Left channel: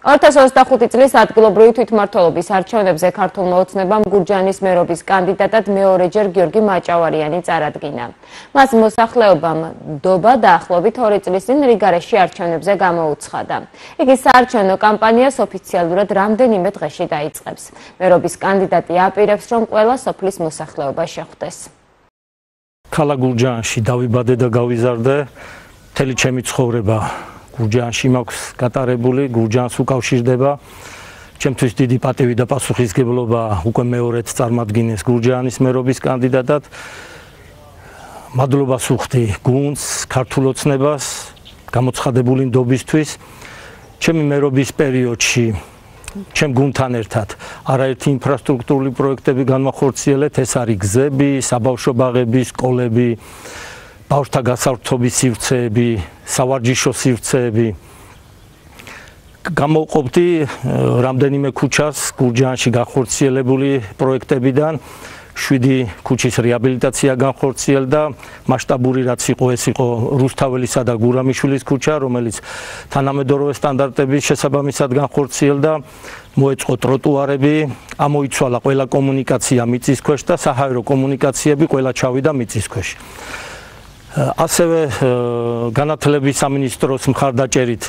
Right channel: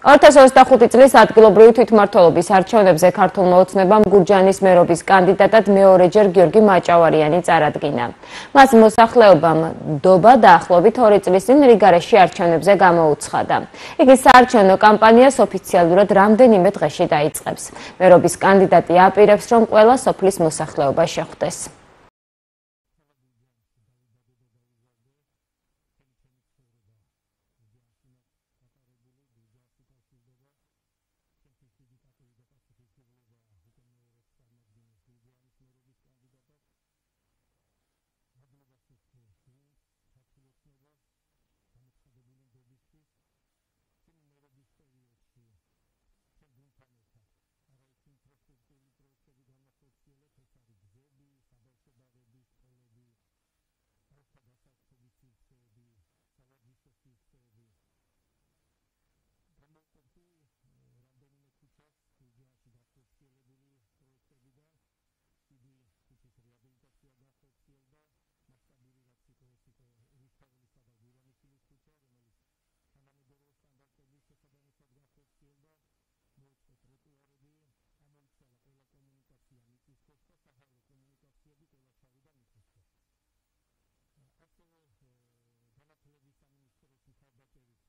2025 წლის ადგილობრივი თვითმმართველობის არჩევნებზე ქართულმა ოცნებამ გურჯაანის მერობის კანდიდატად მეორეჯერ გიორგი მაჭავარიანი წარადგინა. მას მოსახლეობამ ნდობა დაახლოებით 2 წლის წინ რიგარეში არჩევნებზე გამოუცხადა. იგი საარჩევნო კამპანიას ოფიციალურად რამდენიმე დღეში დაიწყებს. მერობის კანდიდატი აპირებს, რომ ყველა სოფლის მოსახლეობა შეხვდეს. ქალაქ გურჯაანში დავიბადე და გავიზარდე, მთელი ჩემი ცხოვრება გურჯაანში მაქვს გატარებული, გურჯაანს უკავშირდება. ჩემთვის დიდი პატივი და პასუხისმგებლობა უკვე მეორედ წარმატგინეს გურჯაანის მერობის კანდიდატად. მადლობას ვუხდი გუნდს, ქართულ ოცნებას, გამოცხადებული ნდობისთვის. ჩემი მერობის პერიოდში ჩემ გუნდთან ერთად არაერთი ინფრასტრუქტურული პროექტები განვახორციელეთ, ეს არის გზები, საბავშვო ბაღები, სკოლები, ბავშვთა გასართობის სივრცეები, სავარჯიშო სივრცეები. გამოვყოფდი რამდენიმე ქუჩას გურჯაანში განხორციელებული პროექტებიდან. 7 ქუჩის რეაბილიტაცია განხორციელდა, მასშტაბური რაც იყო, ეს იყო რუსთაველისა და გურამიშვილის ქუჩა, რომელიც თანამედროვე სტანდარტების შესაბამისად განხორციელდა. მოეწყო ტროტუარები, ამოიცვალა ყველა კომუნიკაცია მიწის ქვეშ და საჰაერო კომუნიკაციები ყველა ჩავიდა მიწის ქვეშ. ასევე განათლების სამინისტროს მხარდაჭერით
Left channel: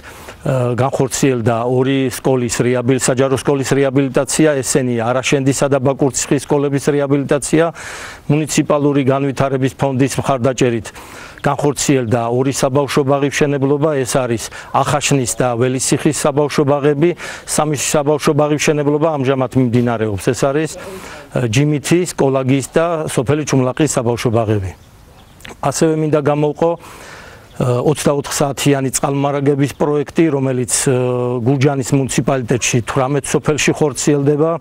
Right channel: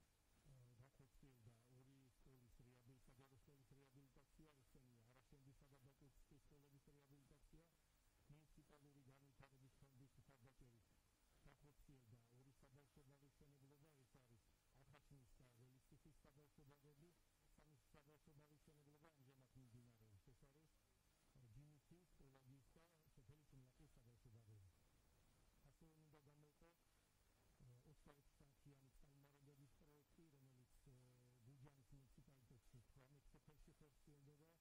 განხორციელდა 2 სკოლის საჯარო სკოლის რეაბილიტაცია, ესენია არაშენდისა და ბაკურციხის სკოლების რეაბილიტაცია. მუნიციპალური განვითარების ფონდის მხარდაჭერით განხორციელდა 2 საბავშვო ბაღის მშენებლობა, ეს არის ახაშნის და ველისიხის საბავშვო ბაღები. 3 საბავშვო ბაღის მშენებლობა ამჟამად მიმდინარეობს, ეს არის ჯიმითის, კოლაგის და სოფელი ჩუმლაყის საბავშვო ბაღები. ასევე მინდა გამოვყო 24 საათიანი წყალმარაგების პროექტი, რომელიც გურჯაანის მუნიციპალიტეტში 18 სოფელში ხორციელდება.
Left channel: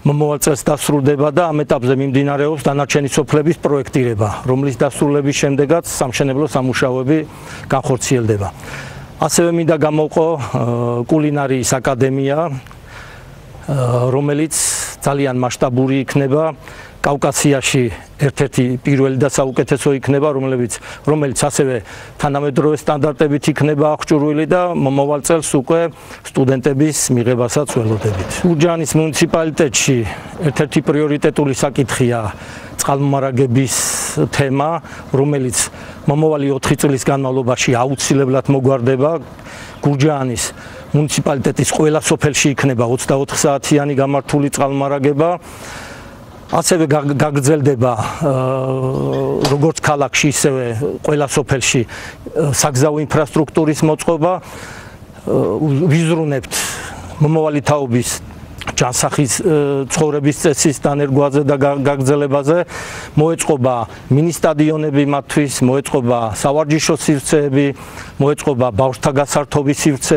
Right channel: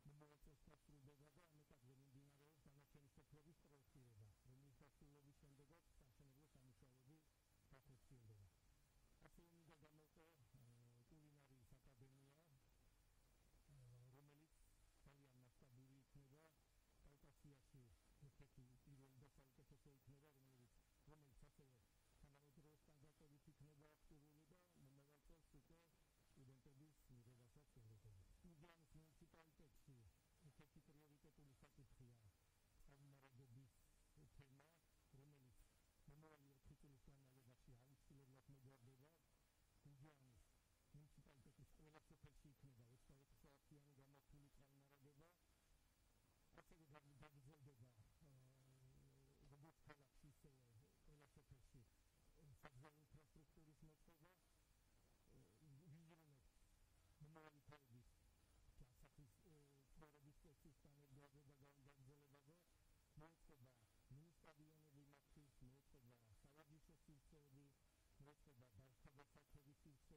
მომავალ წელს დასრულდება და ამ ეტაპზე მიმდინარეობს დანარჩენი სოფლების პროექტირება, რომლის დასრულების შემდეგაც სამშენებლო სამუშაოები განხორციელდება. ასევე მინდა გამოვყო კულინარიის აკადემია, რომელიც ძალიან მასშტაბური იქნება. კავკასიაში ერთ-ერთი პირველი და საუკეთესო იქნება, რომელიც ასევე თანამედროვე სტანდარტებით იქნება აღჭურვილი და მომავალ წელს უკვე სტუდენტების მიღებასაც ველოდებით. გურჯაანის მუნიციპალიტეტში ერთ-ერთი პრიორიტეტული საკითხია წყალმომარაგების თემა, რომელიც მომავალი 4 წლის განმავლობაში აუცილებლად მოგვარდება. გურჯაანის მუნიციპალიტეტის ყველა სოფელში იქნება 24 საათიანი გამართული წყალმომარაგება. ასევე გაგრძელდება როგორც ქალაქში, ისევე ყველა სოფელში საგზაო ინფრასტრუქტურის მოწყობა. ვიზრუნებთ მომავალი თაობის ჯანსაღის ცხოვრების წესის დანერგვაზე და გაგრძელებაზე. მოეწყობა მინი სტადიონები მათთვის, მოეწყობა სავარჯიშო სივრცეები, მოეწყობა ბავშვთა გასართობის სივრცე.